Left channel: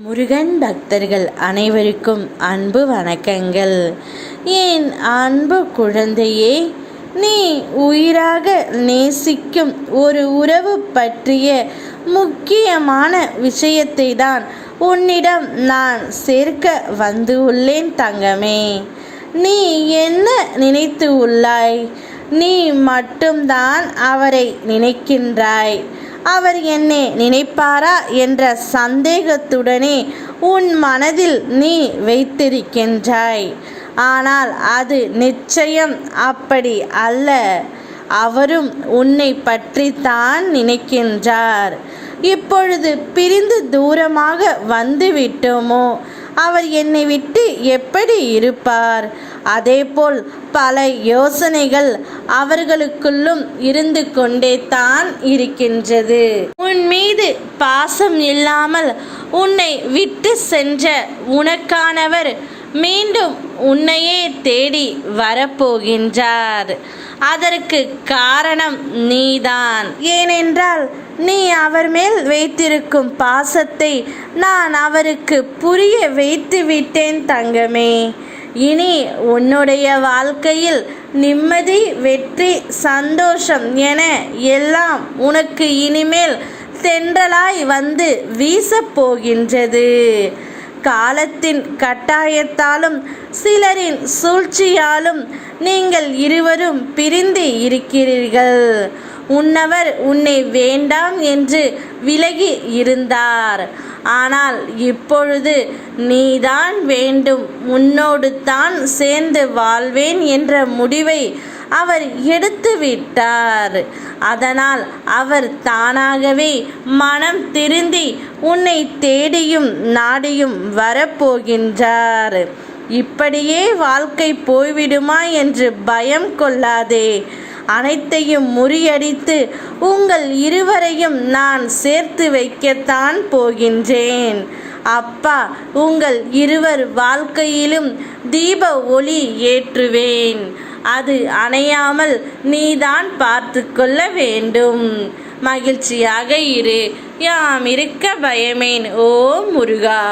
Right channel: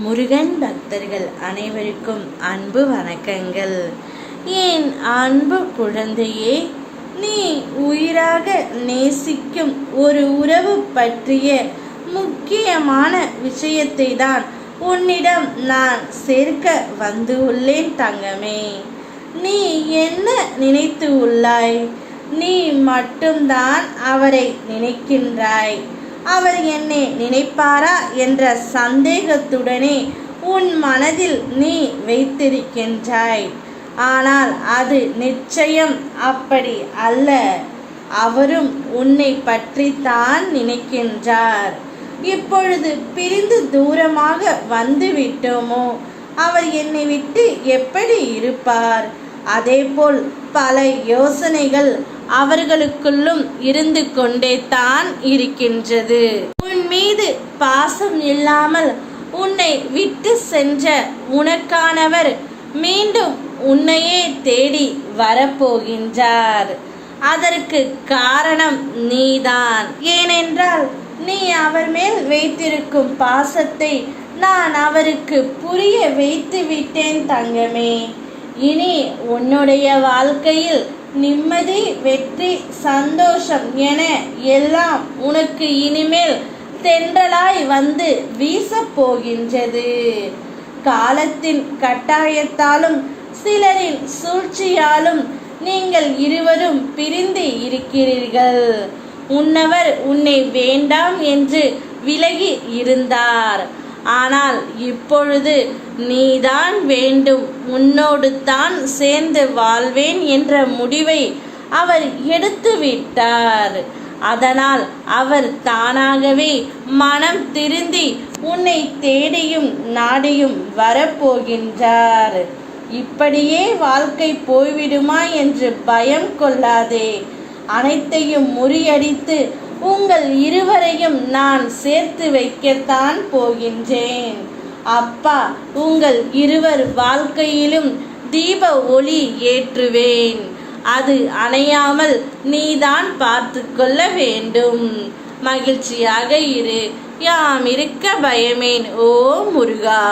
முருகன் பக்தர்கள் அனைவருக்கும் அன்பு வணக்கங்கள். என் அன்பு குழந்தையே, நீ உயிராக நேசிக்கும் ஒரு உறவு பற்றிய முக்கியமான விஷயத்தை தான் உன்னிடம் நான் சேர்க்க வந்து உள்ளேன் தங்கமே. நீ என்ன நினைத்து உள்ளாய்? நீ மட்டும்தான் அவரை நினைக்கின்றாய். அவர் என்னை நினைப்பாரா என்ற சந்தேகத்துடனே உன் மனதில் நீ வைத்திருக்கின்றாய். ஆனால் அது நிச்சயம் அப்படி அல்ல. அவரும் உன்னை பற்றித்தான் நினைக்கின்றார். இப்பொழுது பிரிந்து தூரமாக வந்து விட்டோமோ, அவர் என்னை விட்டு எப்படி இருப்பார்? அதேபோல் பல யோசனைகள் அவர்களுக்குள்ளும் இருந்து கொண்டே தான் இருக்கின்றது. உன் மீது பாசம் இல்லாமல் உன்னை விட்டு சென்ற உனக்கானவர் மீண்டும் உன்னையே தேடி வரப்போகின்றார். அதற்கு காரணம் நீதான். ஏனென்றால் நீ அவர் மேல் வைத்திருக்கும் பாசத்தை நான் அவருக்கு புரிய வைத்து விட்டேன் தங்கமே. இனி உன்னுடைய வாழ்க்கையில் நிம்மதி, வெற்றி, சந்தோஷம் என எல்லாம் உனக்கு இனிமேல் தென்றலாய் வந்து வீசப் போகின்றது. காலத்தின் கட்டாயத்தாலும் சிலரின் சூழ்ச்சியாலும் நீங்கள் இருவரும் பிரிந்து இருக்கிறீர்கள். உன்னவர் உன்னை வேண்டாம் என்று விலகி இருந்தார். ஆனால் இப்பொழுது நீதான் வேண்டும், உன்னோடு தான் சேர்ந்து வாழ்வேன் என்ற முடிவை அவர் எடுத்து விட்டார். அதனால் அவர் தானாகவே மனம் திருந்தி உன்னை தேடியும் நாடியும் வரப்போகின்றார். இப்படியே வாழ்க்கை போய்விடுமா என்று பயம் கொள்ளாதே. அனைத்தையும் முறியடித்து உங்கள் இருவரையும் நான் சேர்த்து வைக்கத்தான் போகின்றேன். அப்பா, உங்கள் இருவர் வாழ்க்கையிலும் தீப ஒளி ஏற்றுவேன். அது அணையாமல் நீதான் பார்த்து கொள்ள வேண்டும். மகிழ்ச்சியாக இரு. யாம் இருக்க பயமேன். ஓ முருகா.